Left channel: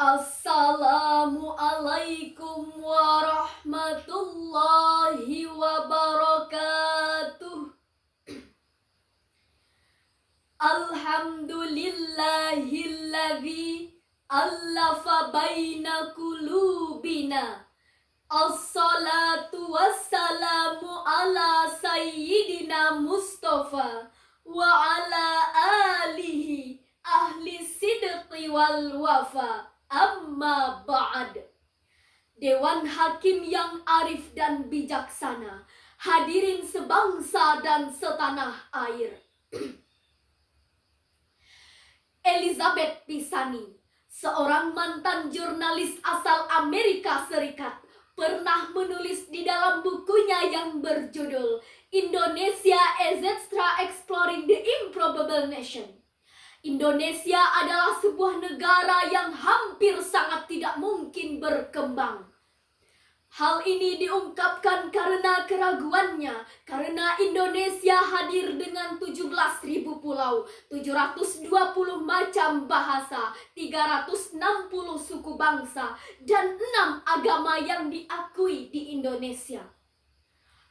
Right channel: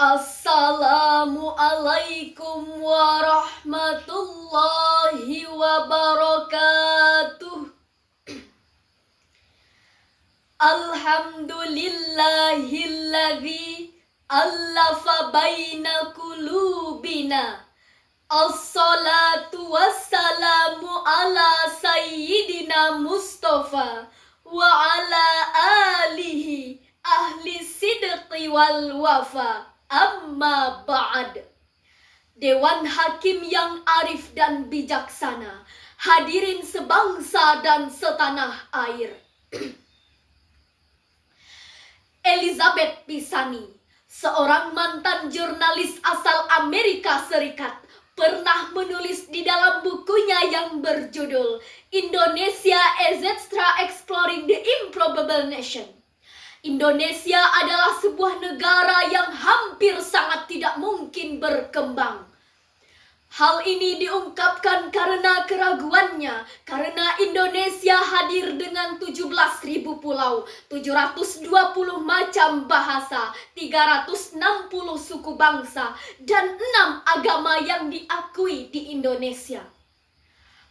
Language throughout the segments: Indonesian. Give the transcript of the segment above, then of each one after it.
Assalamualaikum warahmatullahi wabarakatuh. Alhamdulillahilladzi allafa baina qulubina. Assalatu wassalamu ala sayyidina Mustafa wa ala alihi ahli sidqi wal wafa. Amma ba'd. Dewan Hakim yang arif dan bijaksana, hadirin sebangsa dan setanah air. Elizabeth Pisani, seorang mantan jurnalis asal Amerika Serikat, pernah menulis di dalam bukunya yang berjudul Indonesia etc. Exploring the Improbable Nation. Indonesia adalah sebuah negara yang hampir sangat tidak mungkin berkembang. Hal ini diungkapkan karena keraguannya, karena Indonesia hadir dengan 17.000 pulau, 720 macam bahasa, 360 suku bangsa, dan 6 agama yang diakui di Indonesia.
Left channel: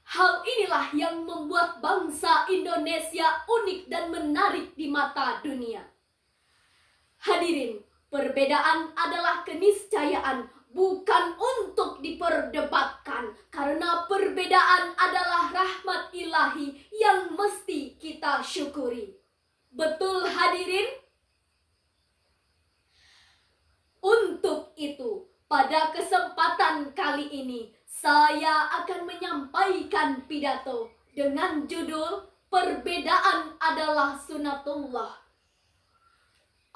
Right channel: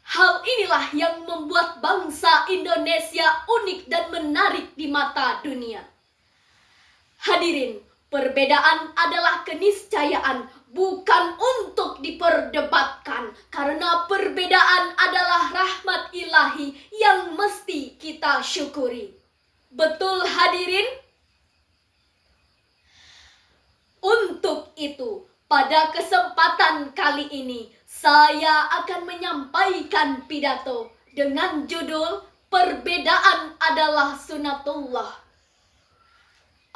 Hal inilah yang membuat bangsa Indonesia unik dan menarik di mata dunia. Hadirin, perbedaan adalah keniscayaan, bukan untuk diperdebatkan, karena perbedaan adalah rahmat ilahi yang mesti kita syukuri. Betul hadirin? Untuk itu, pada kesempatan kali ini, saya akan menyampaikan pidato dengan judul Perbedaan adalah Sunnatullah.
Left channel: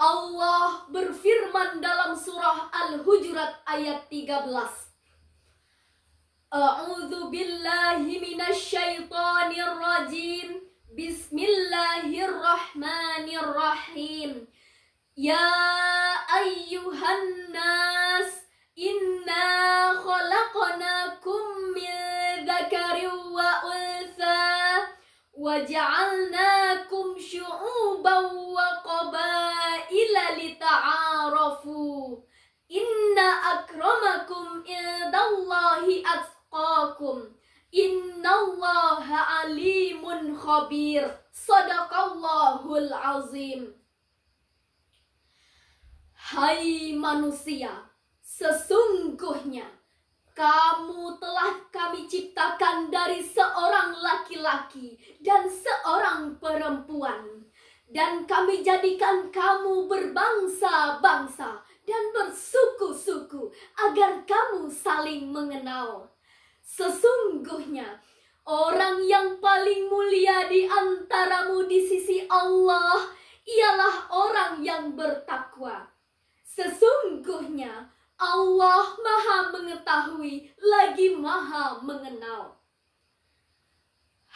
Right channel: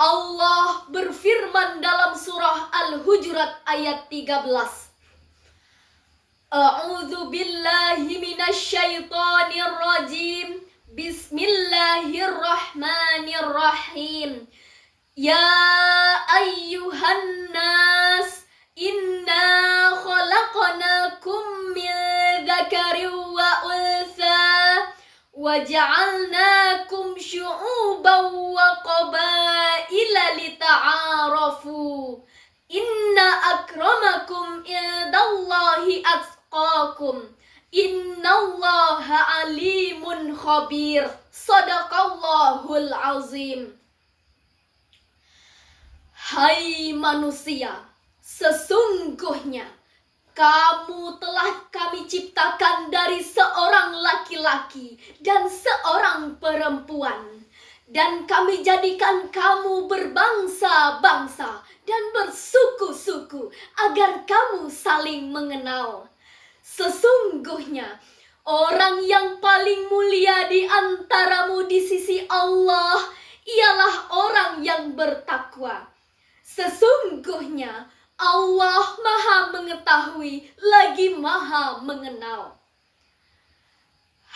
Allah berfirman dalam surah Al-Hujurat ayat 13. A'udzu billahi minasyaitonir rajim. Bismillahirrahmanirrahim. Ya ayyuhan nas, inna khalaqnakum min dzakarin wa untha wa ja'alnakum syu'uban wa qabaila lita'arafu. Inna akramakum indallahi atqakum. Innallaha alimun khabir. Shadaqallahul azim. Hai manusia, sesungguhnya kamu telah kami ciptakan dari seorang laki-laki dan seorang perempuan, dan kami jadikan kamu berbangsa-bangsa dan bersuku-suku agar kamu saling mengenal. Sesungguhnya orang yang paling mulia di antaramu di sisi Allah ialah orang yang bertakwa. Sesungguhnya Allah Maha Mengetahui lagi Maha Mengenal.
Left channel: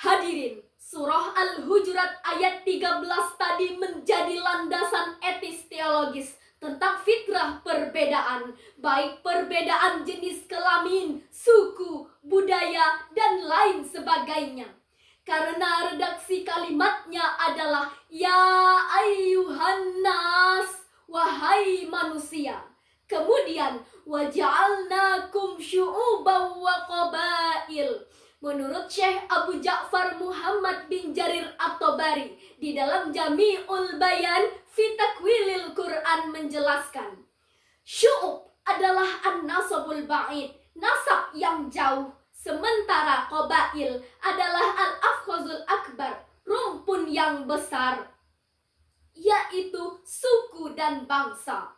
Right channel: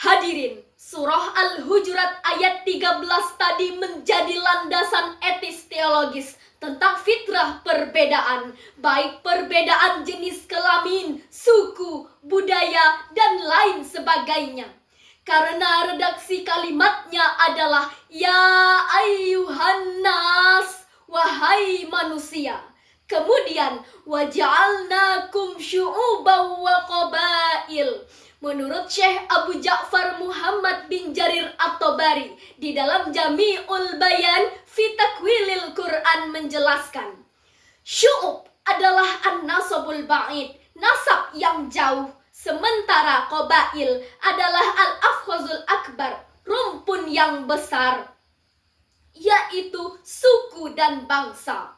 Hadirin, surah Al-Hujurat ayat 13 tadi menjadi landasan etis teologis tentang fitrah perbedaan, baik perbedaan jenis kelamin, suku, budaya, dan lain sebagainya. Karena redaksi kalimatnya adalah ya ayyuhan nas, wahai manusia. Kemudian waja'alnakum syu'uban wa qabail. Menurut Syekh Abu Ja'far Muhammad bin Jarir At-Tabari di dalam Jami'ul Bayan fi Takwilil Quran menjelaskan, syu'ub adalah an-nasabul ba'id, nasab yang jauh, sementara qabail adalah al-afkhazul akbar, rumpun yang besar, yaitu suku dan bangsa.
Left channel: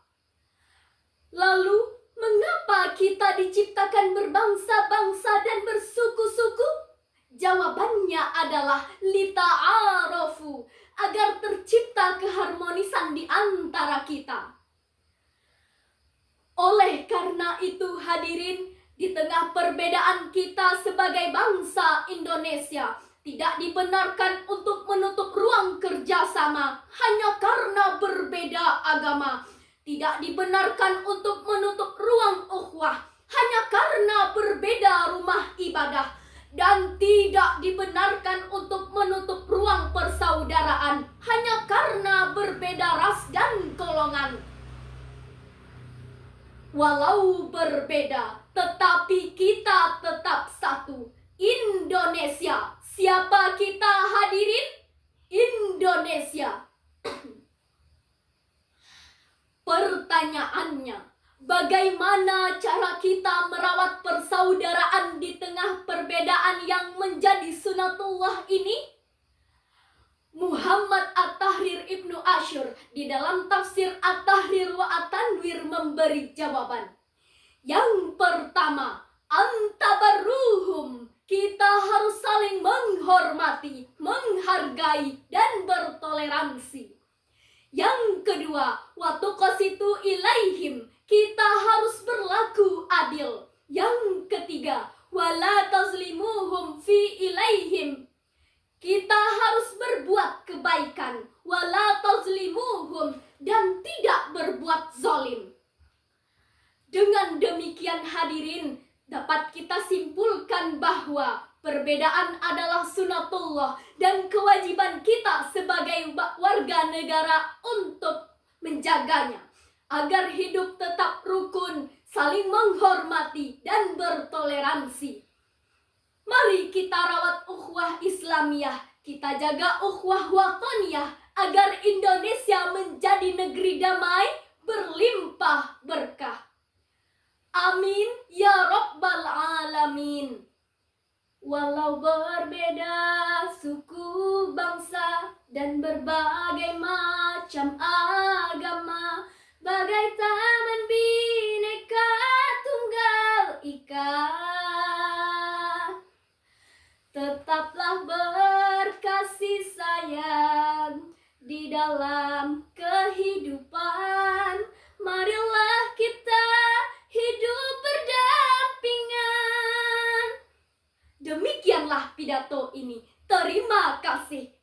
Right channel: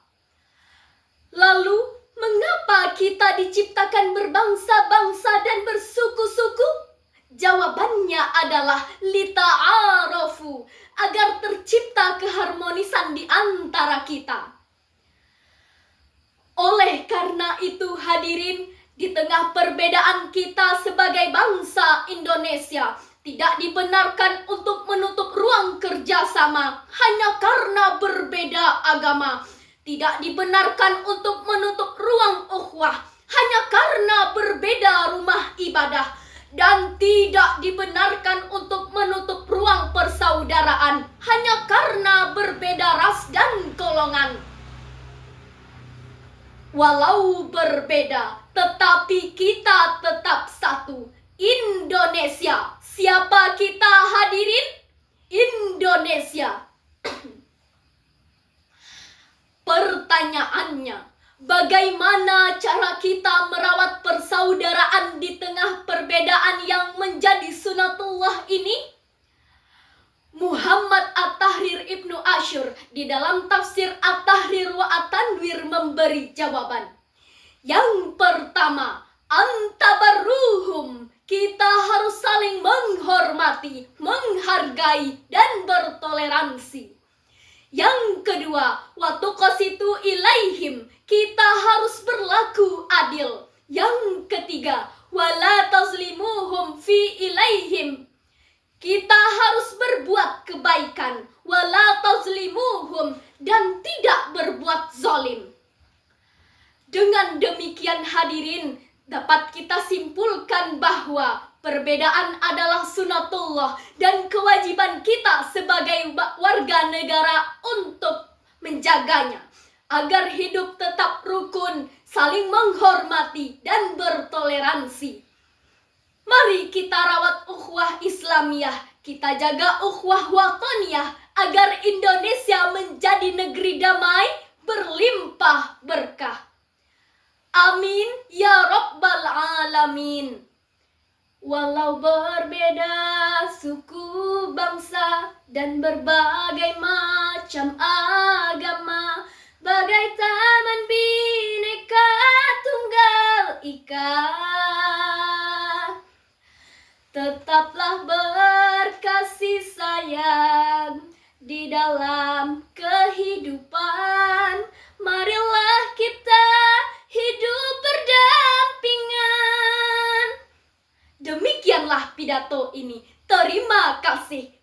Lalu, mengapa kita diciptakan berbangsa-bangsa dan bersuku-suku? Jawabannya adalah lita'arafu, agar tercipta keharmonisan di antara kita. Oleh karena itu hadirin, di tengah perbedaan kita sebagai bangsa Indonesia, tidak dibenarkan untuk menutup ruang kerjasama hanya karena berbeda agama. Tidak dibenarkan untuk menutup ruang ukhuwah hanya karena berbeda rumah ibadah. Dan tidak dibenarkan untuk menutup ruang persaudaraan hanya karena berbeda ras dan golongan. Walau berbeda, tetapi kita tetap satu. Indonesia. Siapa kita hadirin? Indonesia. Pertanyaannya, bagaimana cara kita merawat persaudaraan di tengah perbedaan yang menjadi sunatullah ini? Muhammad At-Tahrir Ibnu Asyur di dalam tafsir At-Tahrir wa At-Tanwir memberi jawaban. Yang pertama, antabarruhum. Kita harus saling menghormati, menghargai, dan bertoleransi. Yang kedua, watuqasitu ilaihim. Kita harus berlaku adil. Yang ketiga, wala tazlimuhum fi ilaihim. Kita harus berbuat kebaikan, wala tazlimuhum, dan tidak berbuat zalim. Dengan demikian hadirin, dapat kita simpulkan bahwa perbedaan adalah sunatullah dan kewajiban kita sebagai warga negara untuk menjaganya agar hidup tetap rukun, saling menghormati dan bertoleransi. Mari kita rawat ukhuwah Islamiyah, kita jaga ukhuwah wataniyah agar Indonesia menjadi negeri damai, berlimpah berkah. Amin ya rabbal alamin. Walau berbeda suku, bangsa, dan berbagai macam agama, bagai taman bineka tunggal ika, tetaplah berkasih sayang di dalam kehidupan. Marilah kita hidup berdampingan. Demikianlah pidato ini. Terima kasih.